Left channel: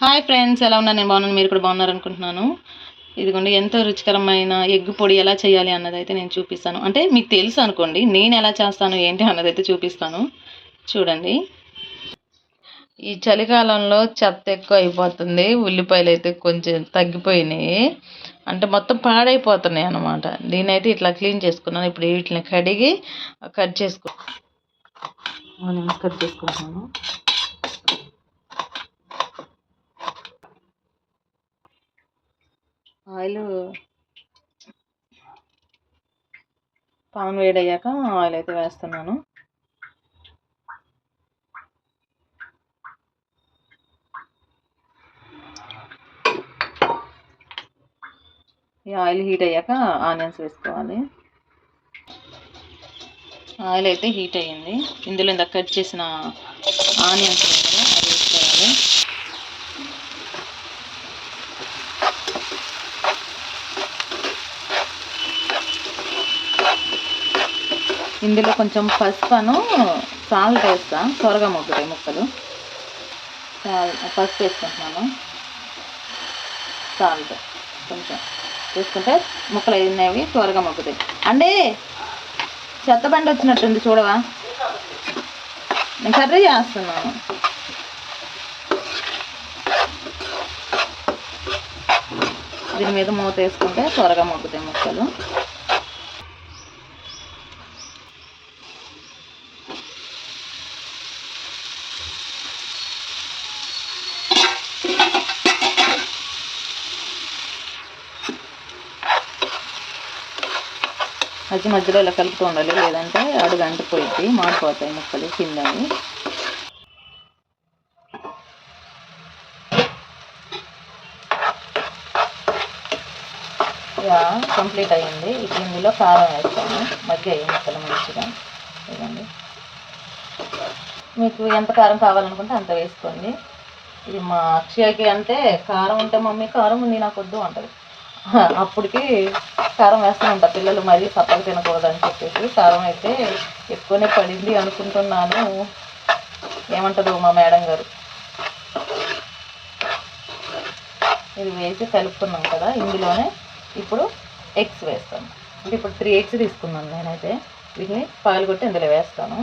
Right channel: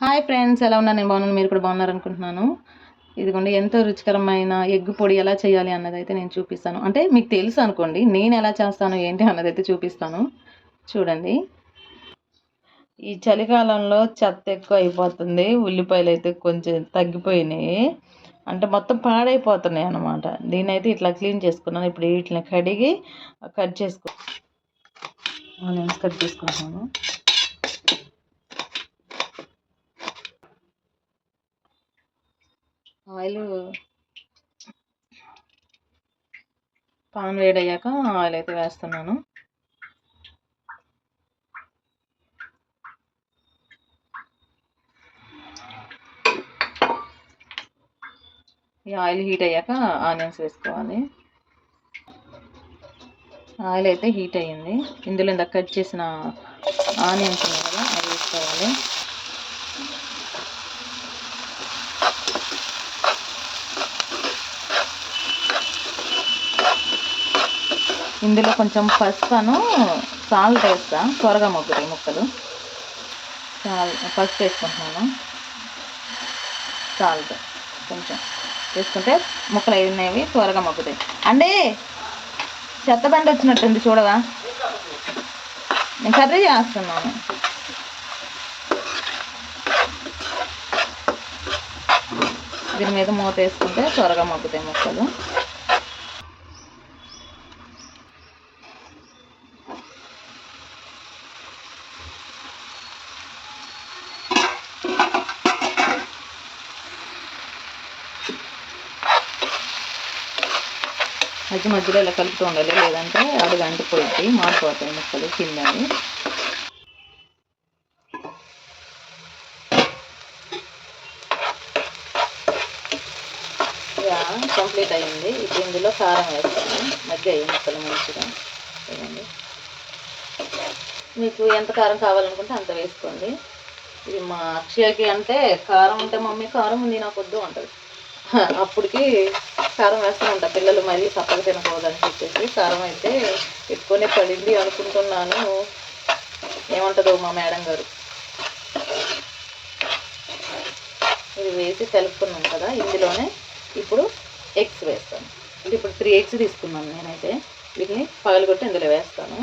Hi friends ఎలా ఉన్నారు? నేను బాగున్నాను. మీరు కూడా బాగున్నారు అనుకుంటున్నాను. ఇదిగోండి ఎంతో రుచికరమైన ఎగ్ పొడి ఎలా చేయాలి అన్నదైతే నేను చూపిస్తాను. అంటే మీకు తెలుసు అనుకోండి నేను ఎలా చేస్తాను ఏంటి అన్నదైతే చూపిస్తాను. చూడండి. ఈ చలికాలంలో చెత్త ఎక్కువ అయిపోతుంది ఉల్లిపాయలు అయితే కొంచెం తగ్గిపోయినాయి. అంటే మొత్తం పాడైపోతున్నాయి అన్నమాట. దీని అయితే ఇట్లా క్లీన్ చేసుకున్నాను. ఇప్పుడు వీటిని కడిగి కట్ చేసుకో కట్ చేసుకుంటాను ఆయిల్ పాన్ వేడయ్యాక ఆయిల్ అయితే వేస్తున్నాను. ఈ ఆయిల్ హీట్ అయ్యాక ఆనియన్స్ వేసుకోవాలి. ఆయిల్ అయితే హీట్ అయ్యింది. ఇందులో ఇందాక కట్ చేసిన ఆనియన్స్ ఉన్నాయి కదా అది వేసుకోవాలి. ఇందులో కొంచెం పసుపును సాల్ట్ వేస్తా. త్వరగా మొగ్గుతాయి ముక్కలు. పసుపు వేసుకుంటున్నాను. సాల్ట్ కొంచెం వేసుకుంటే ముక్కలు అయినవి త్వరగా మొగ్గుతాయి. అంటే చెత్త బండి వచ్చినట్టుంది చూడవా? నేను కర్రీ చేస్తున్నాను. దీని మీద మూత వేసుకుంటే త్వరగా మొగ్గుతాయి ముక్కలు. మధ్య మధ్యలో ఇలా కలుపుతూ ఉండాలి. లేదంటే అడుగు అంటిపోయింది మాడిపోతాయి ముక్కలు కింద కంప్లీట్ అయ్యింది. ఇప్పుడు ఇందులో కారం వేస్తాను. మధ్య అయ్యి ముక్కలు మంచిగా ఇవ్వండి. మీకు ఎంత కారం కావాలనుకుంటే అంత వేసుకోండి. ఇది మా అక్షయకి అంటే కారం ఉంటే మమ్మీ కారం ఉంది నాకు వద్దు అంటది. అప్పటికి కారం వేస్తూ ఉంటా. పిల్లలు మరీ సప్పగా తినకూడదని చెప్పేసి కారం అయితే ఎక్కువనే పడింది అనుకుంటున్నాను. ఏమంటదో మా మేడం గారు. ఇది వేసి కలుపుకున్నాం కదా. ఇందులోనే ఇప్పుడు ఎగ్స్ వేస్తాను. అంటే ఇప్పుడు త్రీ ఎగ్స్ తీసుకున్నాను నేనైతే. వీటిని పగలగొట్టి ఇందులో వేస్తాను.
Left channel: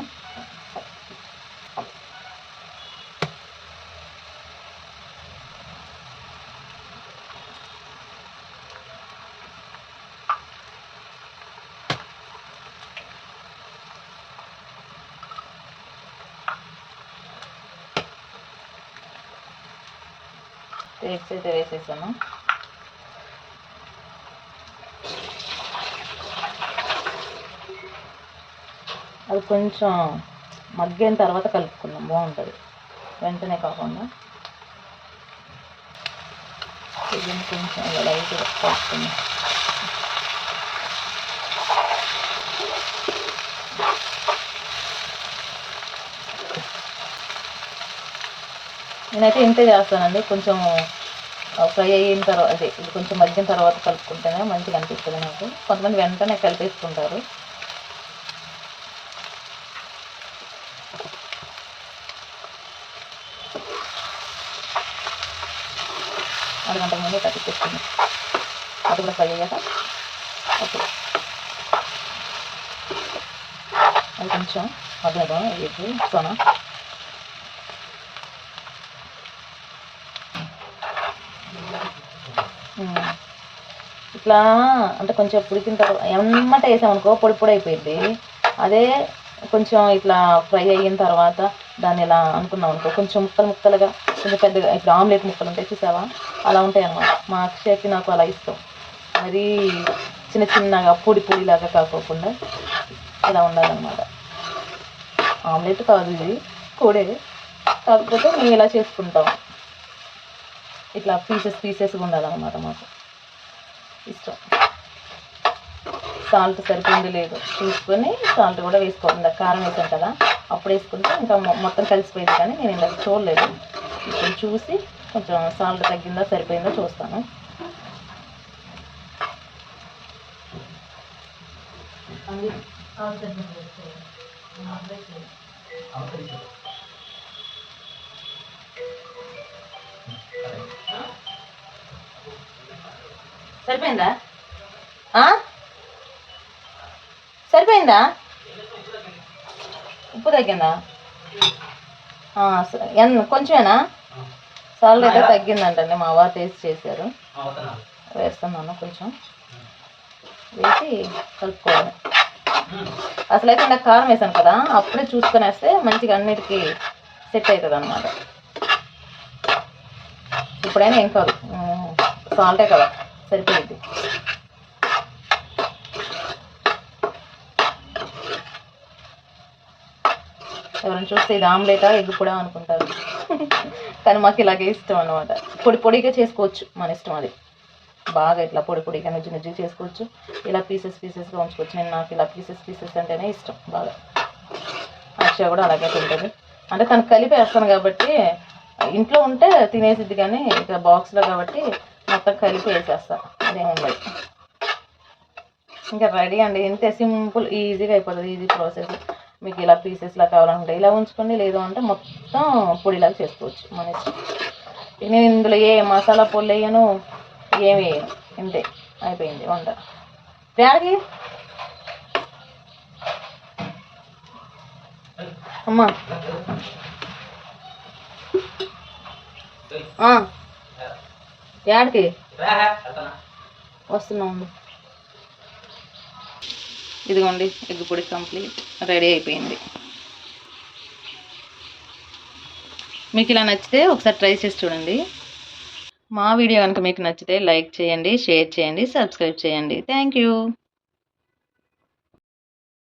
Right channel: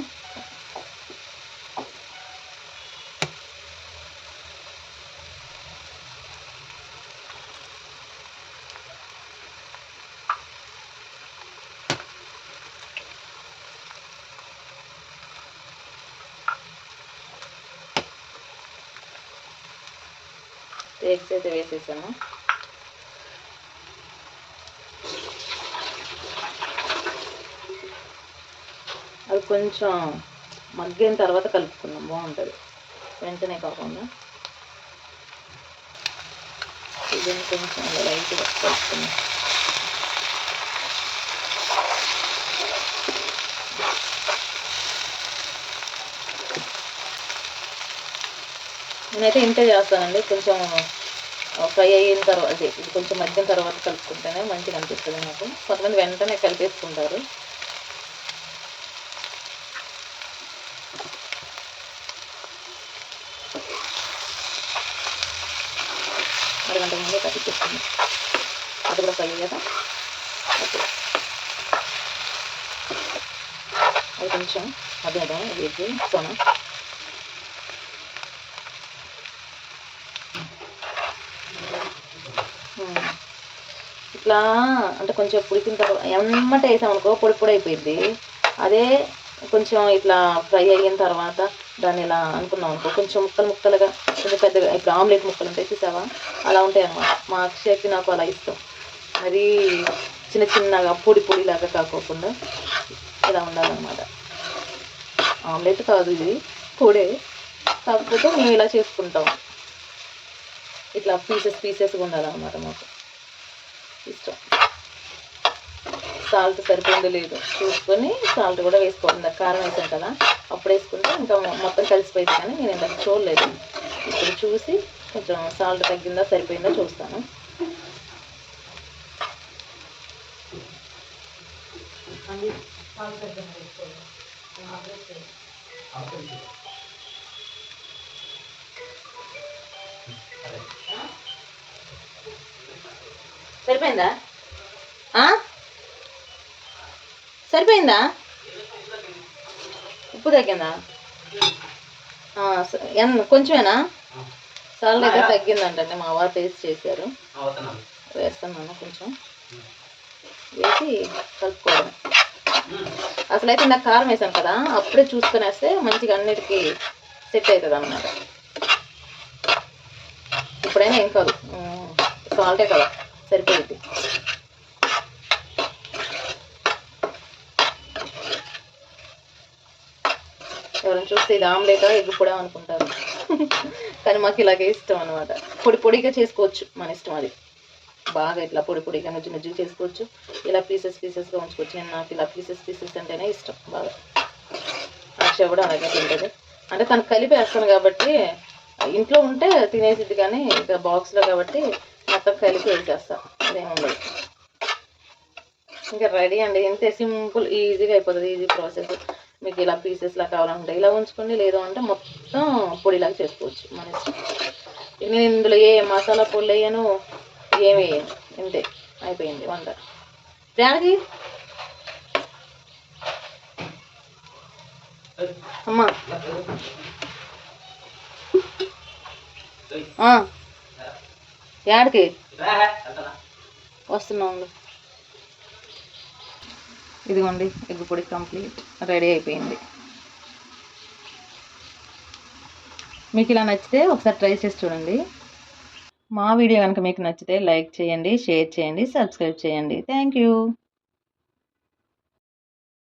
ఎగ్స్ అయితే వేసేసాము అది కొంచెం మగ్గిన తర్వాత కలుపుకుందాం బాగుంటుంది. వెంటనే కాకుండా. ఇది కొంచెం లైట్గా కలుపుకుందాం. నేనైతే ఇంతే చేస్తానండి. కొంచెం ఫ్రై అయిన తర్వాత అదే ఇది కొంచెం మధ్యం తర్వాత కలుపుకుంటేనే మంచిగా అనిపిస్తుంది నాకు. కొంతమంది వెంటనే కలిపేసుకుంటారు. అరగంట ముందే కట్టించేస్తుంది అది కూడా ఫ్రై అయ్యాక ఓకే. అది కొంచెం మధ్యలో సోనా ఇట్లా అంటే కొంచెం పుడికిన తర్వాత ఎమ్మటే వేసామనుకో పొడి పొడి అయిపోయింది అదే కొంచెం ఇట్లా ఫ్రై అయిన తర్వాత దాన్ని ఇలా అనుకున్నాం అనుకో కొంచెం ముక్కలు ముక్కలుగా కొంచెం పెద్దగా ఇప్పుడు ఆమ్లెట్ ముక్కలు ఉంటాయి చూసావా? అలా ఉంటాయి అన్నమాట. మా అక్షయకి నాకు అలా ఇష్టం. మరి చిన్న చిన్నగా పొడి పొడిలాగా కాకోకుండా ఇలా ఉండాలన్నమాట. ఆమ్లెట్ కాదు ఇది పొడే. కాకపోతే మేము ఇలా చేసుకుంటాం. ఇట్లా పీసెస్ పీసెస్గా ఉండాలన్నమాట మాకు. ఇష్టం. సాల్ట్ సరిపోయింది లేదు. చూసుకొని సాల్ట్ కూడా వేసుకోవాలి. కారం వేసాం కదా అప్పుడు వేసుకుంటే ఇంకా మొత్తం కలిసిపోయింది కానీ నేను ఇందాక చూడలేదు. ఇప్పుడు చూసి కొంచెం సాల్ట్ తగ్గిందా సరిపోయిందా చూస్తాను. సరిపోయిందా? సరిపోయిందా? ఉప్పు తగ్గిందా? కొంచెమేనా? అయితే తగ్గిందంటండి మా వారు టేస్ట్ చేశారు. వేస్తున్నాను. కొంచెం. వేసి కలుపుకోవాలి. అసలు అయితే ఇందాక కారం వేసాను కదా అప్పుడే చూసుకొని వేస్తే మంచిగా అన్నిటికీ సెట్ అవుతుంది అన్నమాట ఇప్పుడైనా ఏం కాదు. సాల్టే కదా. సరిపోయింది. ఎవరైనా చూస్తే ఇది ఆమ్లెటా ఎగ్ కూడా అనుకుంటారు. కానీ మాకు ఇలాగే ఇష్టం అనమాట పొడి పొడిగా చేసుకోవచ్చు మన ఇష్టం అది. బాగా ఇట్లా పొడి పొడిగా నుజ్జు నుజ్జు చేసుకోవచ్చు. ఇలా పీసెస్ పీసెస్గా ఉంచుకోవచ్చు. నేను నాకు ఇలా పీసెస్ పీసెస్ అంటేనే ఇష్టం బాగా. అక్షయ కూడా అలాగే తింటుంది. అంటే తను కలిపి వేస్తాను కాబట్టి ఇంట్లో ఉంటే తినేసిద్ది కానీ ఇక బాక్స్లో కాబట్టి మొత్తం కలిపి వేసేస్తా. అదేం ఉండదు ఇంకా రెడీ అండి. ఇంతే సింపుల్ ఈజీగా అయిపోతుంది ఈజీ ప్రాసెస్. మీకు ఇలా పీసెస్లా కావాలనుకుంటే ఇలా ఉంచుకోండి. లేదు అంటే మొత్తం పొడిలాగా చేసుకోవచ్చు. మన ఇష్టం. ఇక నేను ఇందులో ఏ మసాలా పొడి వేయను ఏమి వేయను. ఇంతే అయిపోయింది వంట. డాడీ అమ్మా. యాడికి? వస్తున్నా ఉండు. ఇదిగోండి ఎగ్ పొడి కంప్లీట్. రెడీ అయిపోయింది. మీకు ఇలా నచ్చితే ఒకసారి ట్రై చేసి చూడండి. మా వీడియో కనుక మీకు నచ్చితే లైక్ చేయండి షేర్ చేయండి సబ్స్క్రైబ్ చేయండి. Thank you.